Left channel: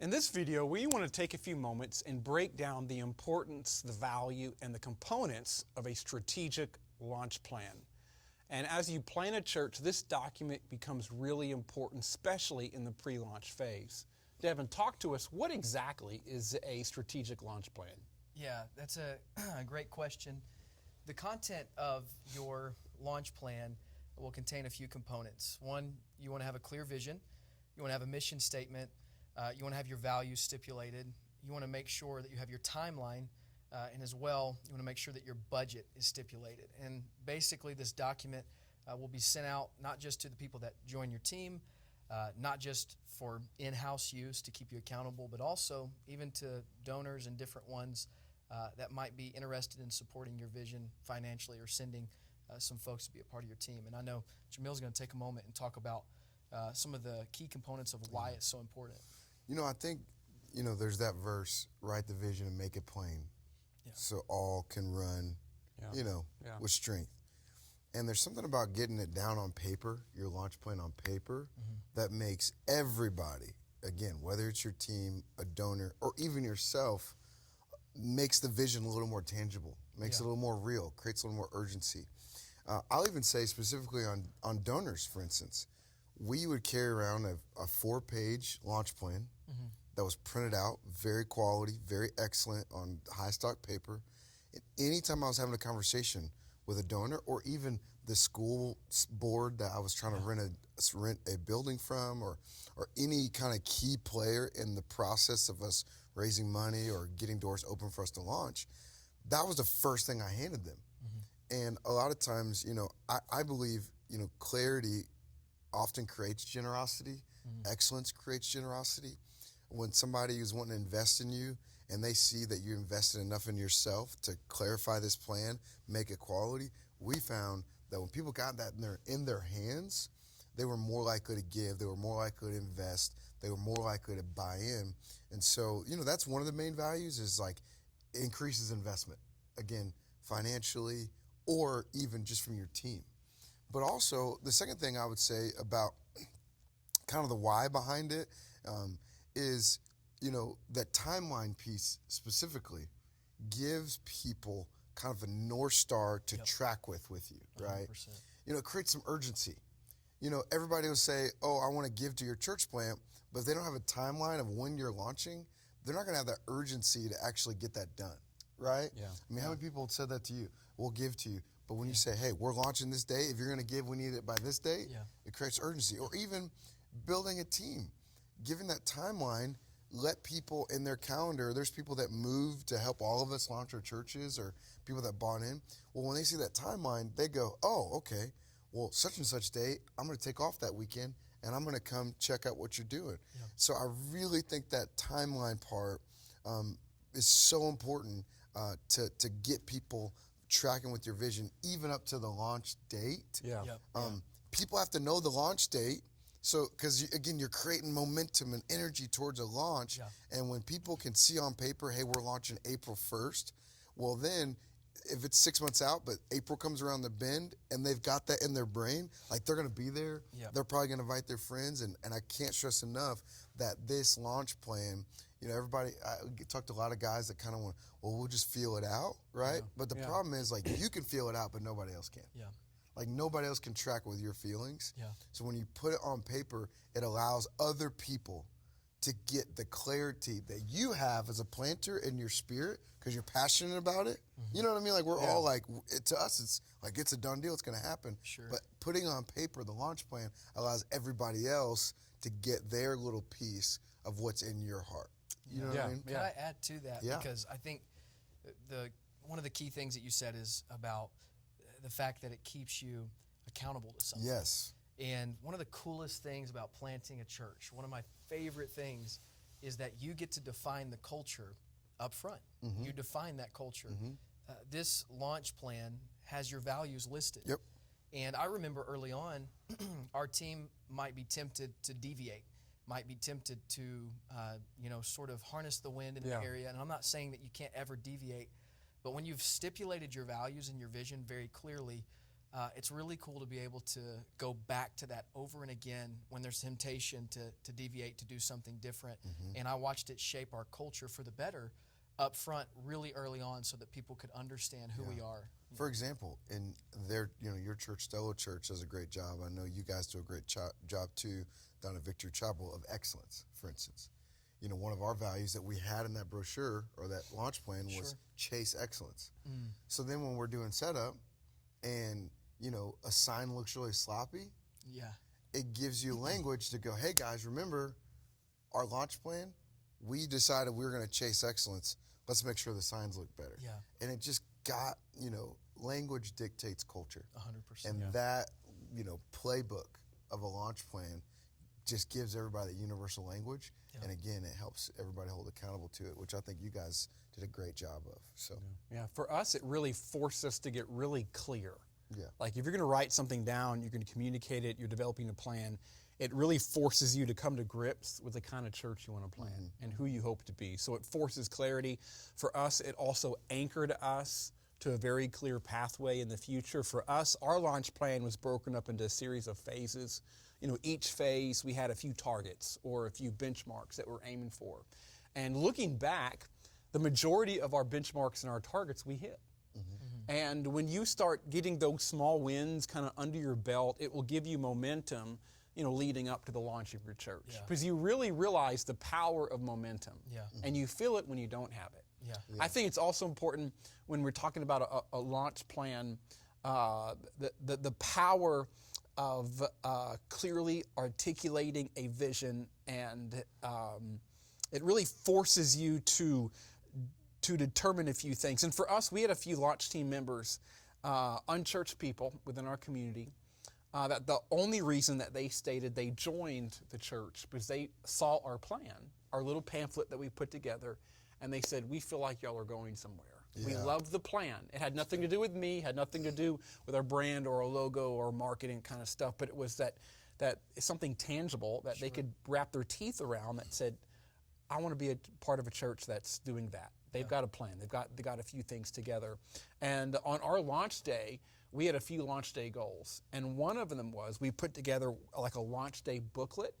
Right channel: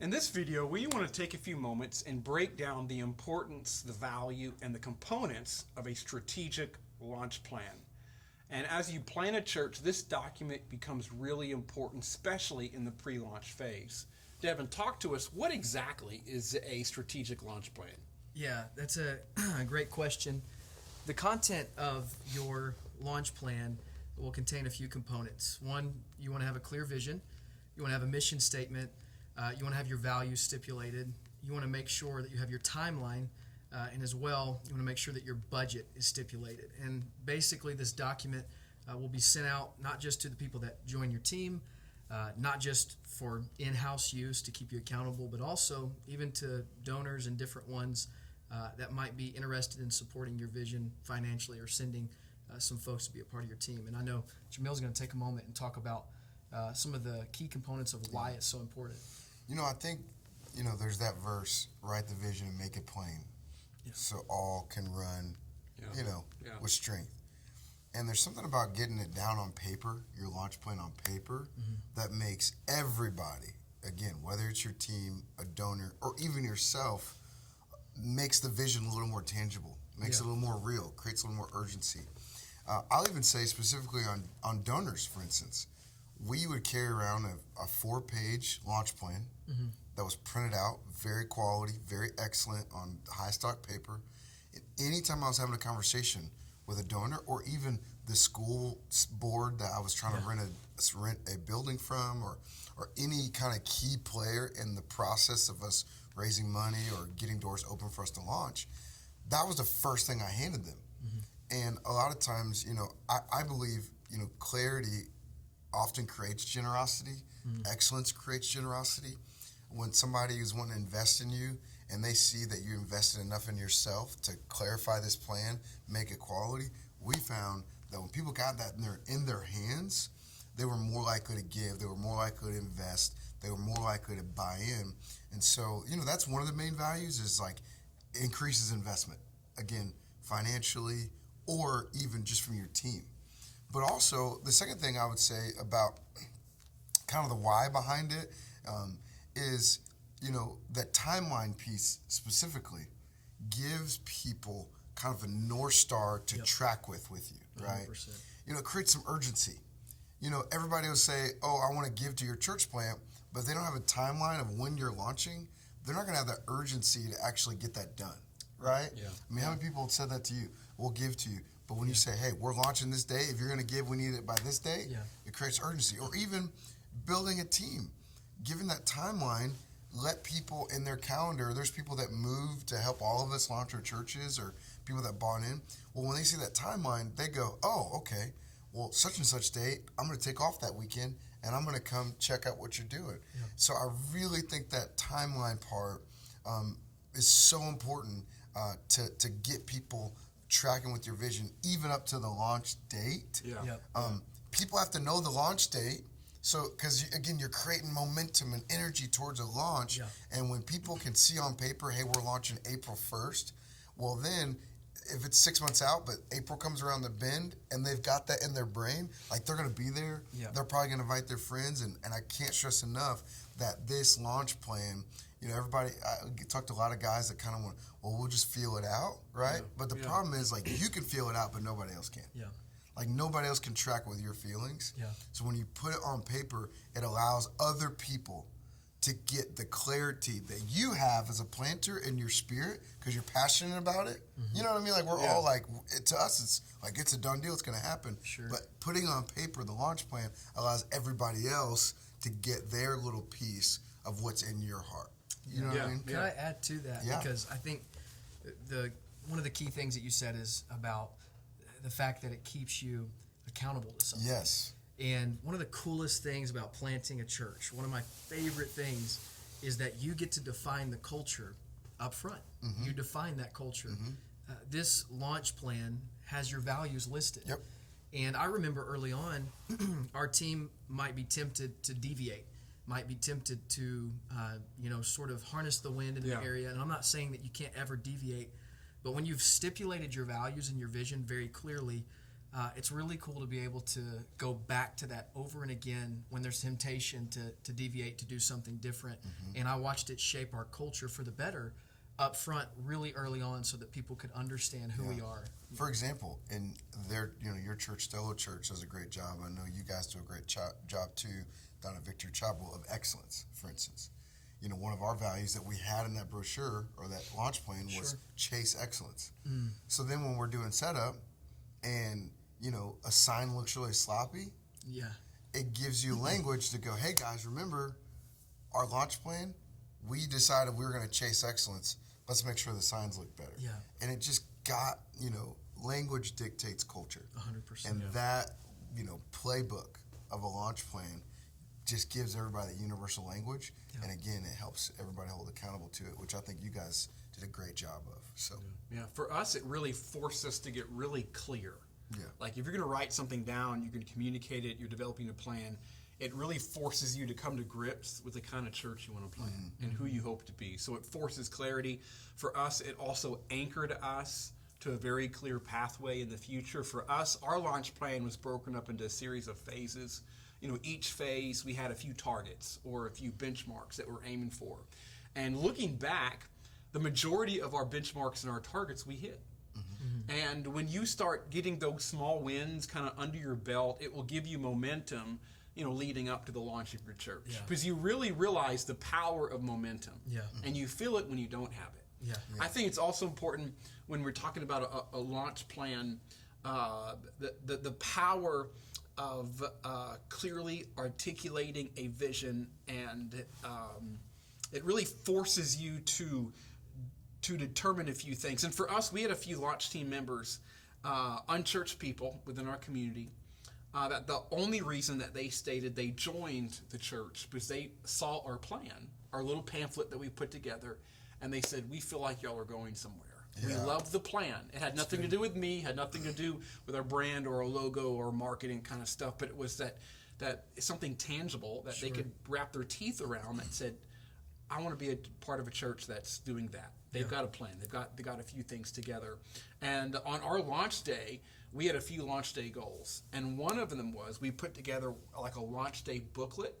In this video, we want to take a few moments and break down the importance, the value, and the components of a strategic launch plan. And as you plan a church, this document becomes really important, especially in the pre-launch phase. Devin, talk to us. What exactly is a strategic launch plan? Yeah, that's a great question. The content of your launch plan will contain a few components. One, you want to have a clear vision. You want to have a mission statement. You want to have your values stipulated. You want to make sure that you have your timeline. And as well, you want to make sure that your budget is stipulated. And basically, this document will be sent out not just to the people that join your team, not just for in-house use to keep you accountable, but also even to donors and different ones that might be interested in supporting your vision financially or sending some folks to be a part of your team. And I know Joumeel's going to take a moment and talk about some of the key components of why it's so important. I think, there's that verse, write the vision and make it plain, so all can run, with strength. And there's something about getting it down on paper, your launch plan on paper, that makes everybody, again, whether it's your team, a donor, or even yourself, makes the vision a little more tangible, makes it a little more real, creates a little more urgency. I'll even say specifically on donors, for instance, we would carry around a 4-page launch plan that was printed out, very quality, very excellent on high stock paper. And anytime I was having a conversation with a donor or even the school board that I was trying to rent a building from or any kind of key player in the process of us raising money or getting doors open for us to launch, that was the first thing I handed them. And a lot of times, I believe, clarity often creates generosity. Excellence creates generosity. When somebody is wanting to invest in you and they see that you invested enough in yourself to clarify this plan, make it quality, we found that when people got that in their hands, they were more likely to give, they were more likely to invest, they were more likely to buy in. And so, that's one of the main values is like increases investment, again, financially or even just from your team. But also, the second thing I would say about kind of the why behind it is, that timeline piece specifically gives people kind of a North Star to track with you, right? 100%. It creates some urgency. Everybody will say, oh, I want to give to your church plant, but if they don't have a timeline of when you're launching, they're not going to have that urgency to actually get that done, right? Yeah. I mean, how many people have said that to you? We'll give to you. But when you say, hey, we're launching this day, if you're going to give, we need it by this day, it creates urgency. Or even building a team, giving that timeline, let people in their calendar, there's people that move to help all of us launch our churches or people that bought in. Well, when they see that timeline, they go, oh, okay, well, such and such date, I'm going to take off that weekend and I'm going to come check out what you're doing. Yeah. So I really think that timeline part is so important to get people tracking with your vision, even up to the launch date. People have to know the launch date. So, because again, you're creating momentum and energy towards a launch. And when people can see on paper, hey, we're launching April 1st, well then, if it's 6 months out, but April comes around the bend and they've got that in their brain, like they're going to be there. They're probably going to invite their friends. And I can't stress enough that this launch plan, everybody, I talk to a lot of guys that kind of want, well, we'll just feel it out, right? But the problem is, like, you can feel it out, but nobody else can. Like, nobody else can track with your feelings. So when you put it on paper, it allows other people to get the clarity that you have as a planter in your spirit because you're passionate about it. You know what I mean? Like, we're all like, to us, it's like, it's a done deal. It's going to happen. But putting on paper the launch plan allows everybody else to get their little piece of what's in your heart. You know what I mean? Can I add to that? Because I think one of the key things that you said is about the fact that it keeps you accountable to something. And one of the coolest things about planting a church, one of my favorite things, is that you get to define the culture up front. You define that culture. This launch plan has your values listed. And I remember early on, our team might be tempted to deviate, might be tempted to, sort of harness the wind in the area. And I'm not saying that you can't ever deviate, but when you've stipulated your values and your vision very clearly, it's really cool to be able to go back to that over and again when there's temptation to deviate, to do something different. And I watched it shape our culture for the better up front really early on so that people could understand who we are. For example, in your church, Stellar Church, does a great job. I know you guys do a great job too down at Victory Chapel of excellence, for instance. One of our values that we had in that brochure or that launch plan was chase excellence. So then when we're doing setup and, a sign looks really sloppy, it gives you language to go, hey guys, remember our launch plan? We decided we were going to chase excellence. Let's make sure the signs look better. Yeah. And it just got, language dictates culture. 100%. And that, playbook of a launch plan just gives everybody the universal language. Yeah. And again, it helps everybody hold accountable to it, which I think you guys did a great job of. So yeah, for us, it really forced us to get really clear. Yeah. Like if you're going to write something down, you're going to communicate it, you're developing a plan, it really forces you to come to grips with the kind of church you want to plan and who you hope to be. So it forces clarity. For us, it also anchored us to a very clear pathway in the future. For us, our launch plan was broken up into a series of phases. Each phase, we had a few targets or a few benchmarks that we're aiming for. And looking back, the majority of our benchmarks and our targets we hit. And when you start getting those small wins kind of under your belt, it will give you momentum, leading up to the launch of your church. Because you really realize the power of momentum. And you feel it when you don't have it. I think it's also important when we're talking about a launch plan, the power of clearly articulating a vision, and it really forces you to determine a few things. And for us, we had a few launch team members, unchurched people within our community, that the only reason that they stated they joined the church because they saw our plan, our little pamphlet that we put together, and they said, we feel like y'all are going somewhere. We love the plan. It had nothing to do with me, had nothing to do with our brand or a logo or marketing kind of stuff, but it was that something tangible that they could wrap their teeth around that said, I want to be a part of a church that's doing that. They've got a plan. They got a few things together. And on our launch day, we had a few launch day goals. And one of them was we put together like a launch day booklet,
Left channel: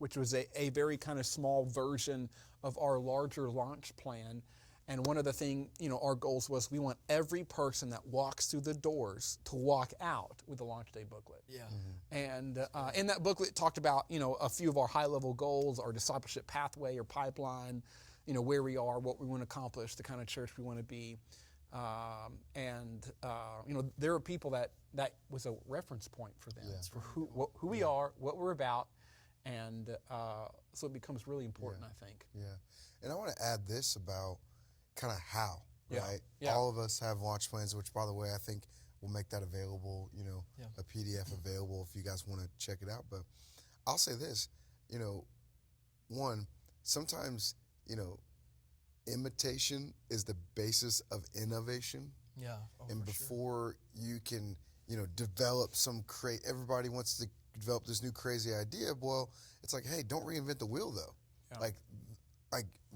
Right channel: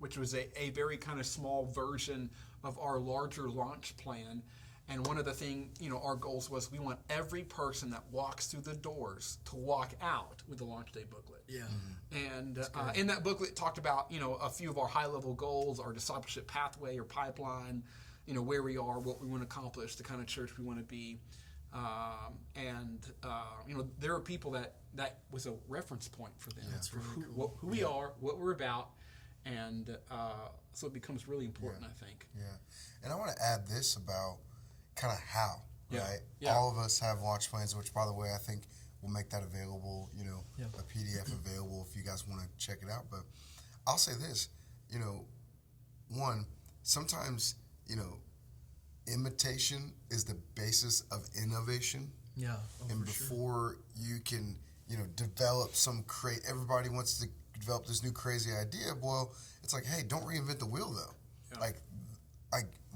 which was a very kind of small version of our larger launch plan. And one of the things, our goals was we want every person that walks through the doors to walk out with the launch day booklet. And in that booklet, it talked about, a few of our high-level goals, our discipleship pathway or pipeline, where we are, what we want to accomplish, the kind of church we want to be. There are people that was a reference point for them. That's really cool. Who we are, what we're about. And so it becomes really important, I think. Yeah. And I want to add this about kind of how, right? Yeah. All of us have launch plans, which, by the way, I think we'll make that available, a PDF available if you guys want to check it out. But I'll say this, one, sometimes, imitation is the basis of innovation. And before you can, develop everybody wants to develop this new crazy idea. Well, it's like, hey, don't reinvent the wheel though. Like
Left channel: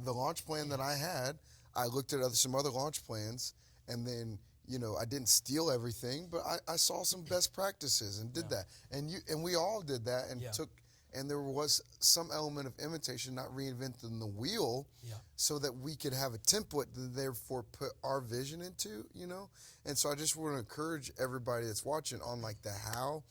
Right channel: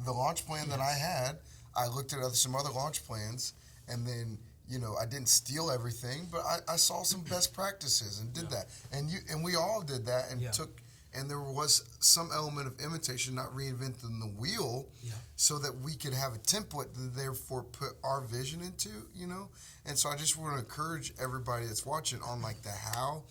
the launch plan that I had, I looked at some other launch plans, and then I didn't steal everything, but I saw some best practices and did that, and we all did that and and there was some element of imitation, not reinventing the wheel, so that we could have a template to therefore put our vision into, And so I just want to encourage everybody that's watching on like the how,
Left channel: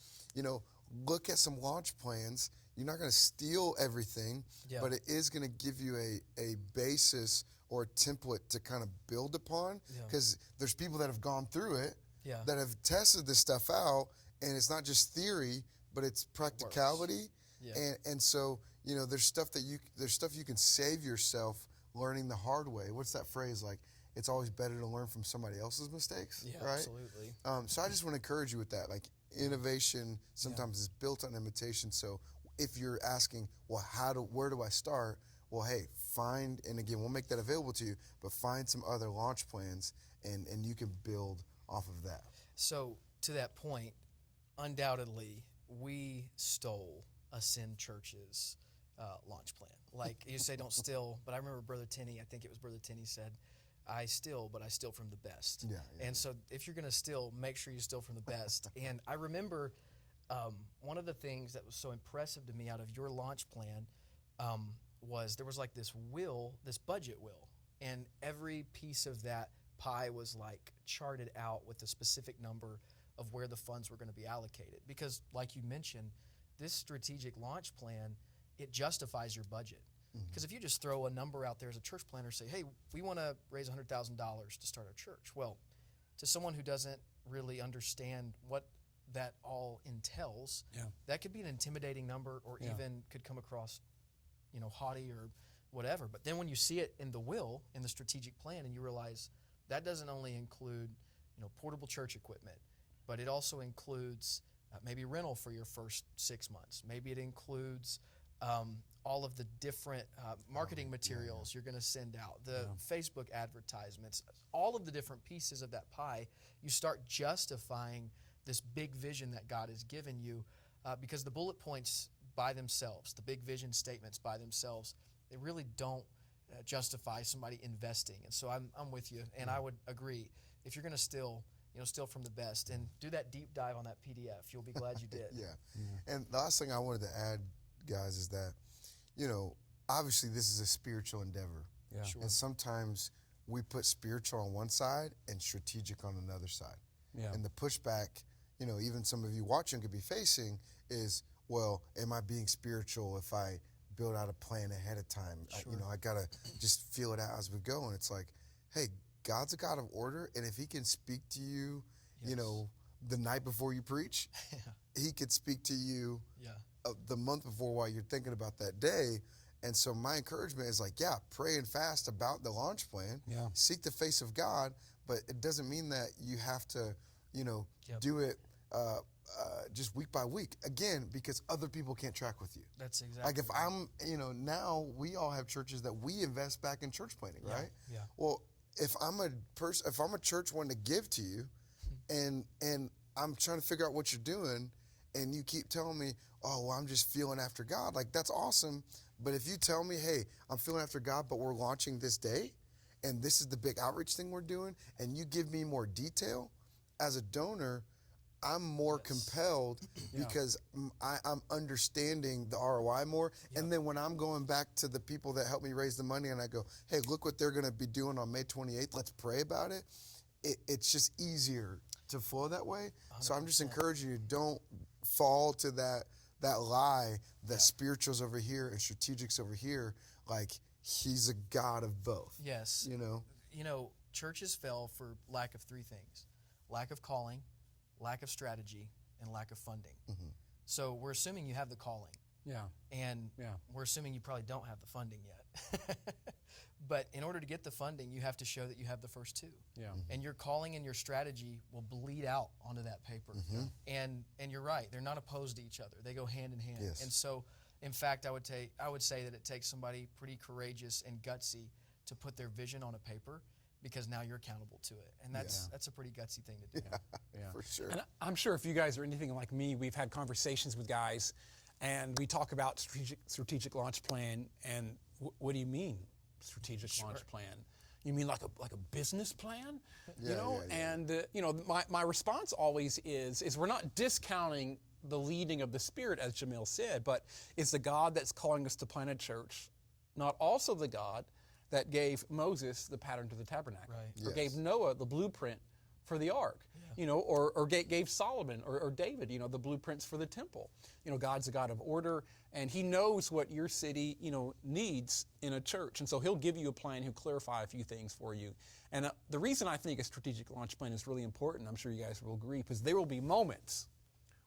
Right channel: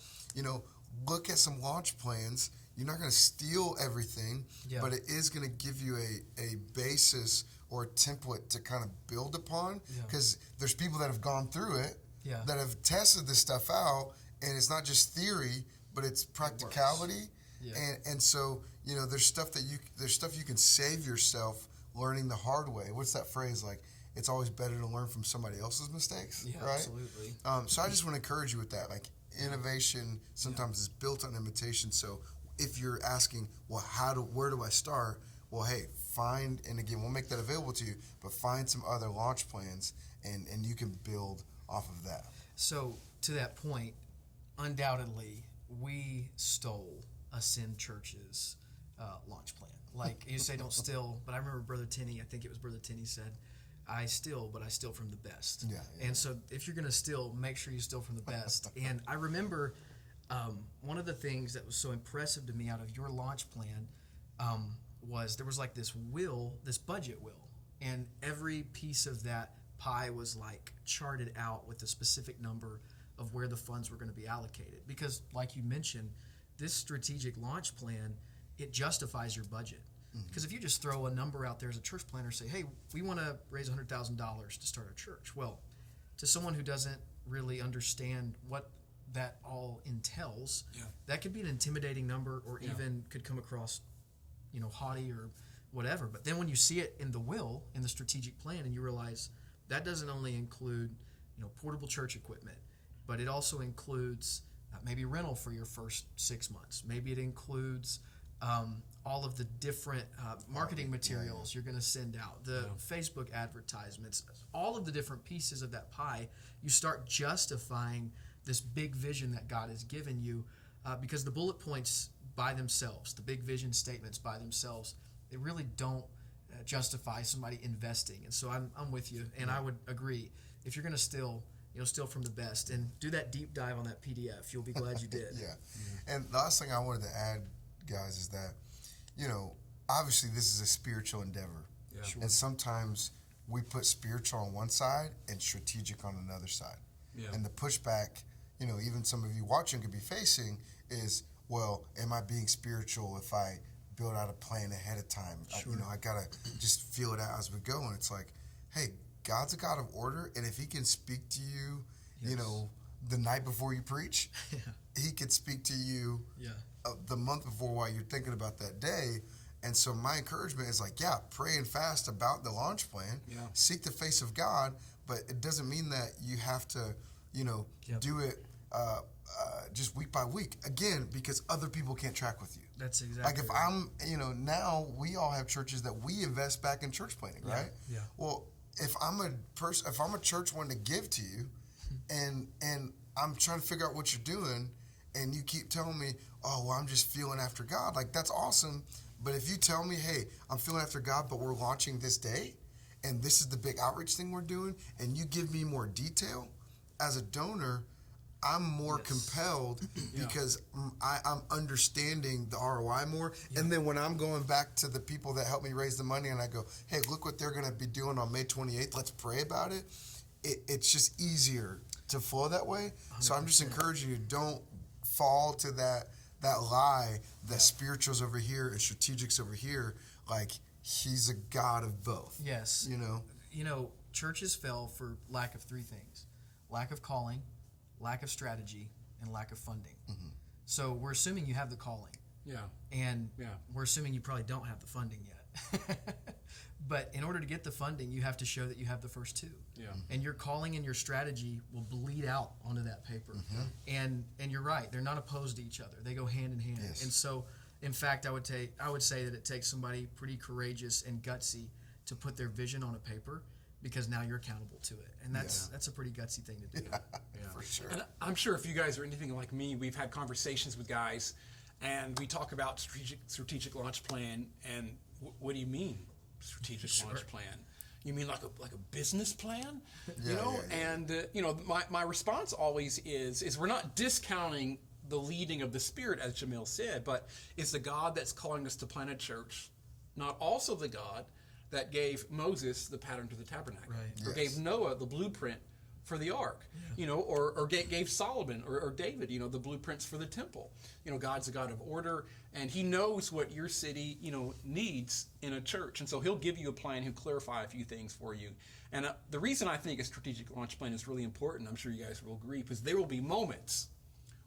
look at some launch plans. You're not going to steal everything, but it is going to give you a basis or a template to kind of build upon, because there's people that have gone through it, that have tested this stuff out, and it's not just theory, but it's practicality. And so, there's stuff you can save yourself learning the hard way. What's that phrase like? It's always better to learn from somebody else's mistakes, right? Absolutely. So I just want to encourage you with that. Like, innovation sometimes is built on imitation. So if you're asking, well, where do I start? Well, hey, and again, we'll make that available to you, but find some other launch plans, and you can build off of that. So to that point, undoubtedly, we stole Ascend Church's launch plan. Like you say, don't steal, but I remember Brother Tenney, I think it was Brother Tenney said, I steal, but I steal from the best. Yeah. And so if you're going to steal, make sure you steal from the best. And I remember one of the things that was so impressive to me out of your launch plan was there was like this budget wheel, and every piece of that pie was like charted out with a specific number of where the funds were going to be allocated. Because like you mentioned, this strategic launch plan, it justifies your budget. Because if you just throw a number out there as a church planner, say, hey, we want to raise $100,000 to start our church. Well, to someone who doesn't really understand what that all entails, that could be an intimidating number, or even could come across, haughty or whatever. But then when you see it in the will, in the strategic plan, and you realize that doesn't only include, portable church equipment, but it also includes maybe rental for your first 6 months. Maybe it includes all of the different marketing materials you're going to send out, the Facebook advertisements, all of the different pieces of that pie. You start justifying this big vision that God has given you, because the bullet points by themselves, the big vision statements by themselves, they really don't justify somebody investing. And so I'm with you, and I would agree. If you're going to steal, steal from the best, and do that deep dive on that PDF. You'll be glad you did. And the last thing I wanted to add, guys, is that, obviously this is a spiritual endeavor. Yeah. Sure. And sometimes we put spiritual on one side and strategic on another side. Yeah. And the pushback, even some of you watching could be facing is, well, am I being spiritual if I build out a plan ahead of time? Sure. I got to just feel it out as we go. And it's like, hey, God's a God of order. And if he can speak to you, the night before you preach, he could speak to you the month before while you're thinking about that day. And so my encouragement is like, pray and fast about the launch plan. Yeah. Seek the face of God, but it doesn't mean that you have to, do it just week by week. Again, because other people can't track with you. That's exactly like if right. I'm, now we all have churches that we invest back in church planning, right? Yeah. Well, if I'm a church wanting to give to you, and I'm trying to figure out what you're doing, and you keep telling me, oh, well, I'm just feeling after God, like that's awesome. But if you tell me, hey, I'm feeling after God, but we're launching this day, and this is the big outreach thing we're doing, and you give me more detail, as a donor, I'm more compelled because I'm understanding the ROI more. And then when I'm going back to the people that helped me raise the money and I go, hey, look what they're going to be doing on May 28th. Let's pray about it. It's just easier to flow that way. 100%. So I'm just encouraging you, don't fall to that lie that spiritual's over here and strategic's over here. Like, he's a God of both. Yes. Churches fail for lack of three things: lack of calling, lack of strategy, and lack of funding. Mm-hmm. So we're assuming you have the calling. Yeah. And we're assuming you probably don't have the funding yet. But in order to get the funding, you have to show that you have the first two. Yeah. And your calling and your strategy will bleed out onto that paper. Mm-hmm. And you're right, they're not opposed to each other. They go hand in hand. Yes. And so, in fact, I would say that it takes somebody pretty courageous and gutsy to put their vision on a paper, because now you're accountable to it. And that's a pretty gutsy thing to do. For sure. And I'm sure if you guys are anything like me, we've had conversations with guys, and we talk about strategic launch plan, and what do you mean strategic launch plan? You mean like a business plan? And my response always is we're not discounting the leading of the Spirit, as Joumeel said, but it's the God that's calling us to plant a church, not also the God that gave Moses the pattern to the tabernacle, or gave Noah the blueprint for the ark, or gave Solomon or David, the blueprints for the temple. God's a God of order, and he knows what your city, needs in a church. And so he'll give you a plan, he'll clarify a few things for you. And the reason I think a strategic launch plan is really important, I'm sure you guys will agree, because there will be moments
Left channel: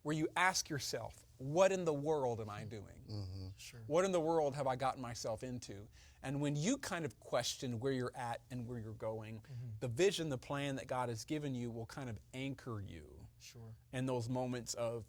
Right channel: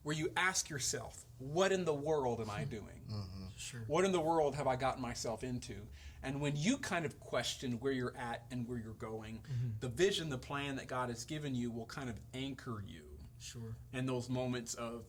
where you ask yourself, what in the world am I doing? Mm-hmm. Sure. What in the world have I gotten myself into? And when you kind of question where you're at and where you're going, the vision, the plan that God has given you will kind of anchor you. Sure. In those moments of,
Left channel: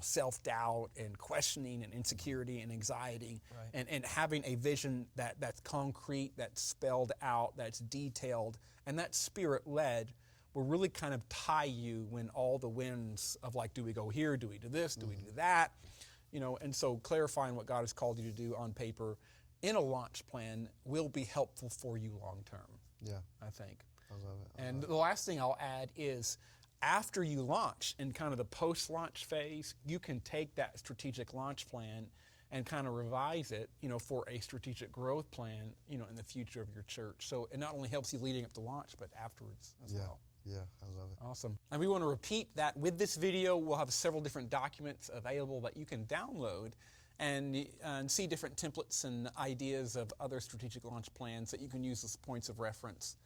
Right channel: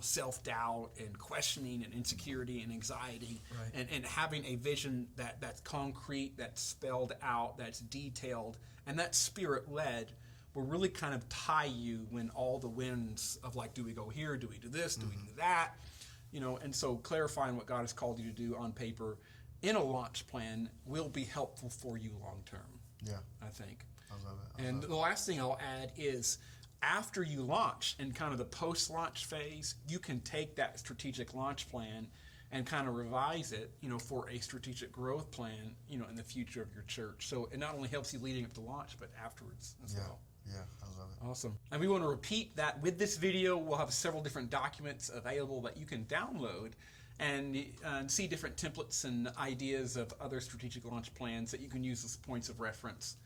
self-doubt and questioning and insecurity and anxiety, and having a vision that's concrete, that's spelled out, that's detailed, and that's Spirit-led, will really kind of tie you when all the winds of like, do we go here, do we do this, do we do that? And so clarifying what God has called you to do on paper in a launch plan will be helpful for you long term. Yeah. I think. I love it. And the last thing I'll add is after you launch in kind of the post-launch phase, you can take that strategic launch plan and kind of revise it, for a strategic growth plan, in the future of your church. So it not only helps you leading up to launch, but afterwards as well. Yeah, I love it. Awesome. And we want to repeat that with this video. We'll have several different documents available that you can download and see different templates and ideas of other strategic launch plans that you can use as points of reference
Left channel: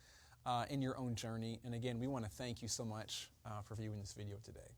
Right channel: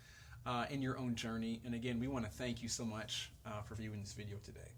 in your own journey. And again, we want to thank you so much for viewing this video today.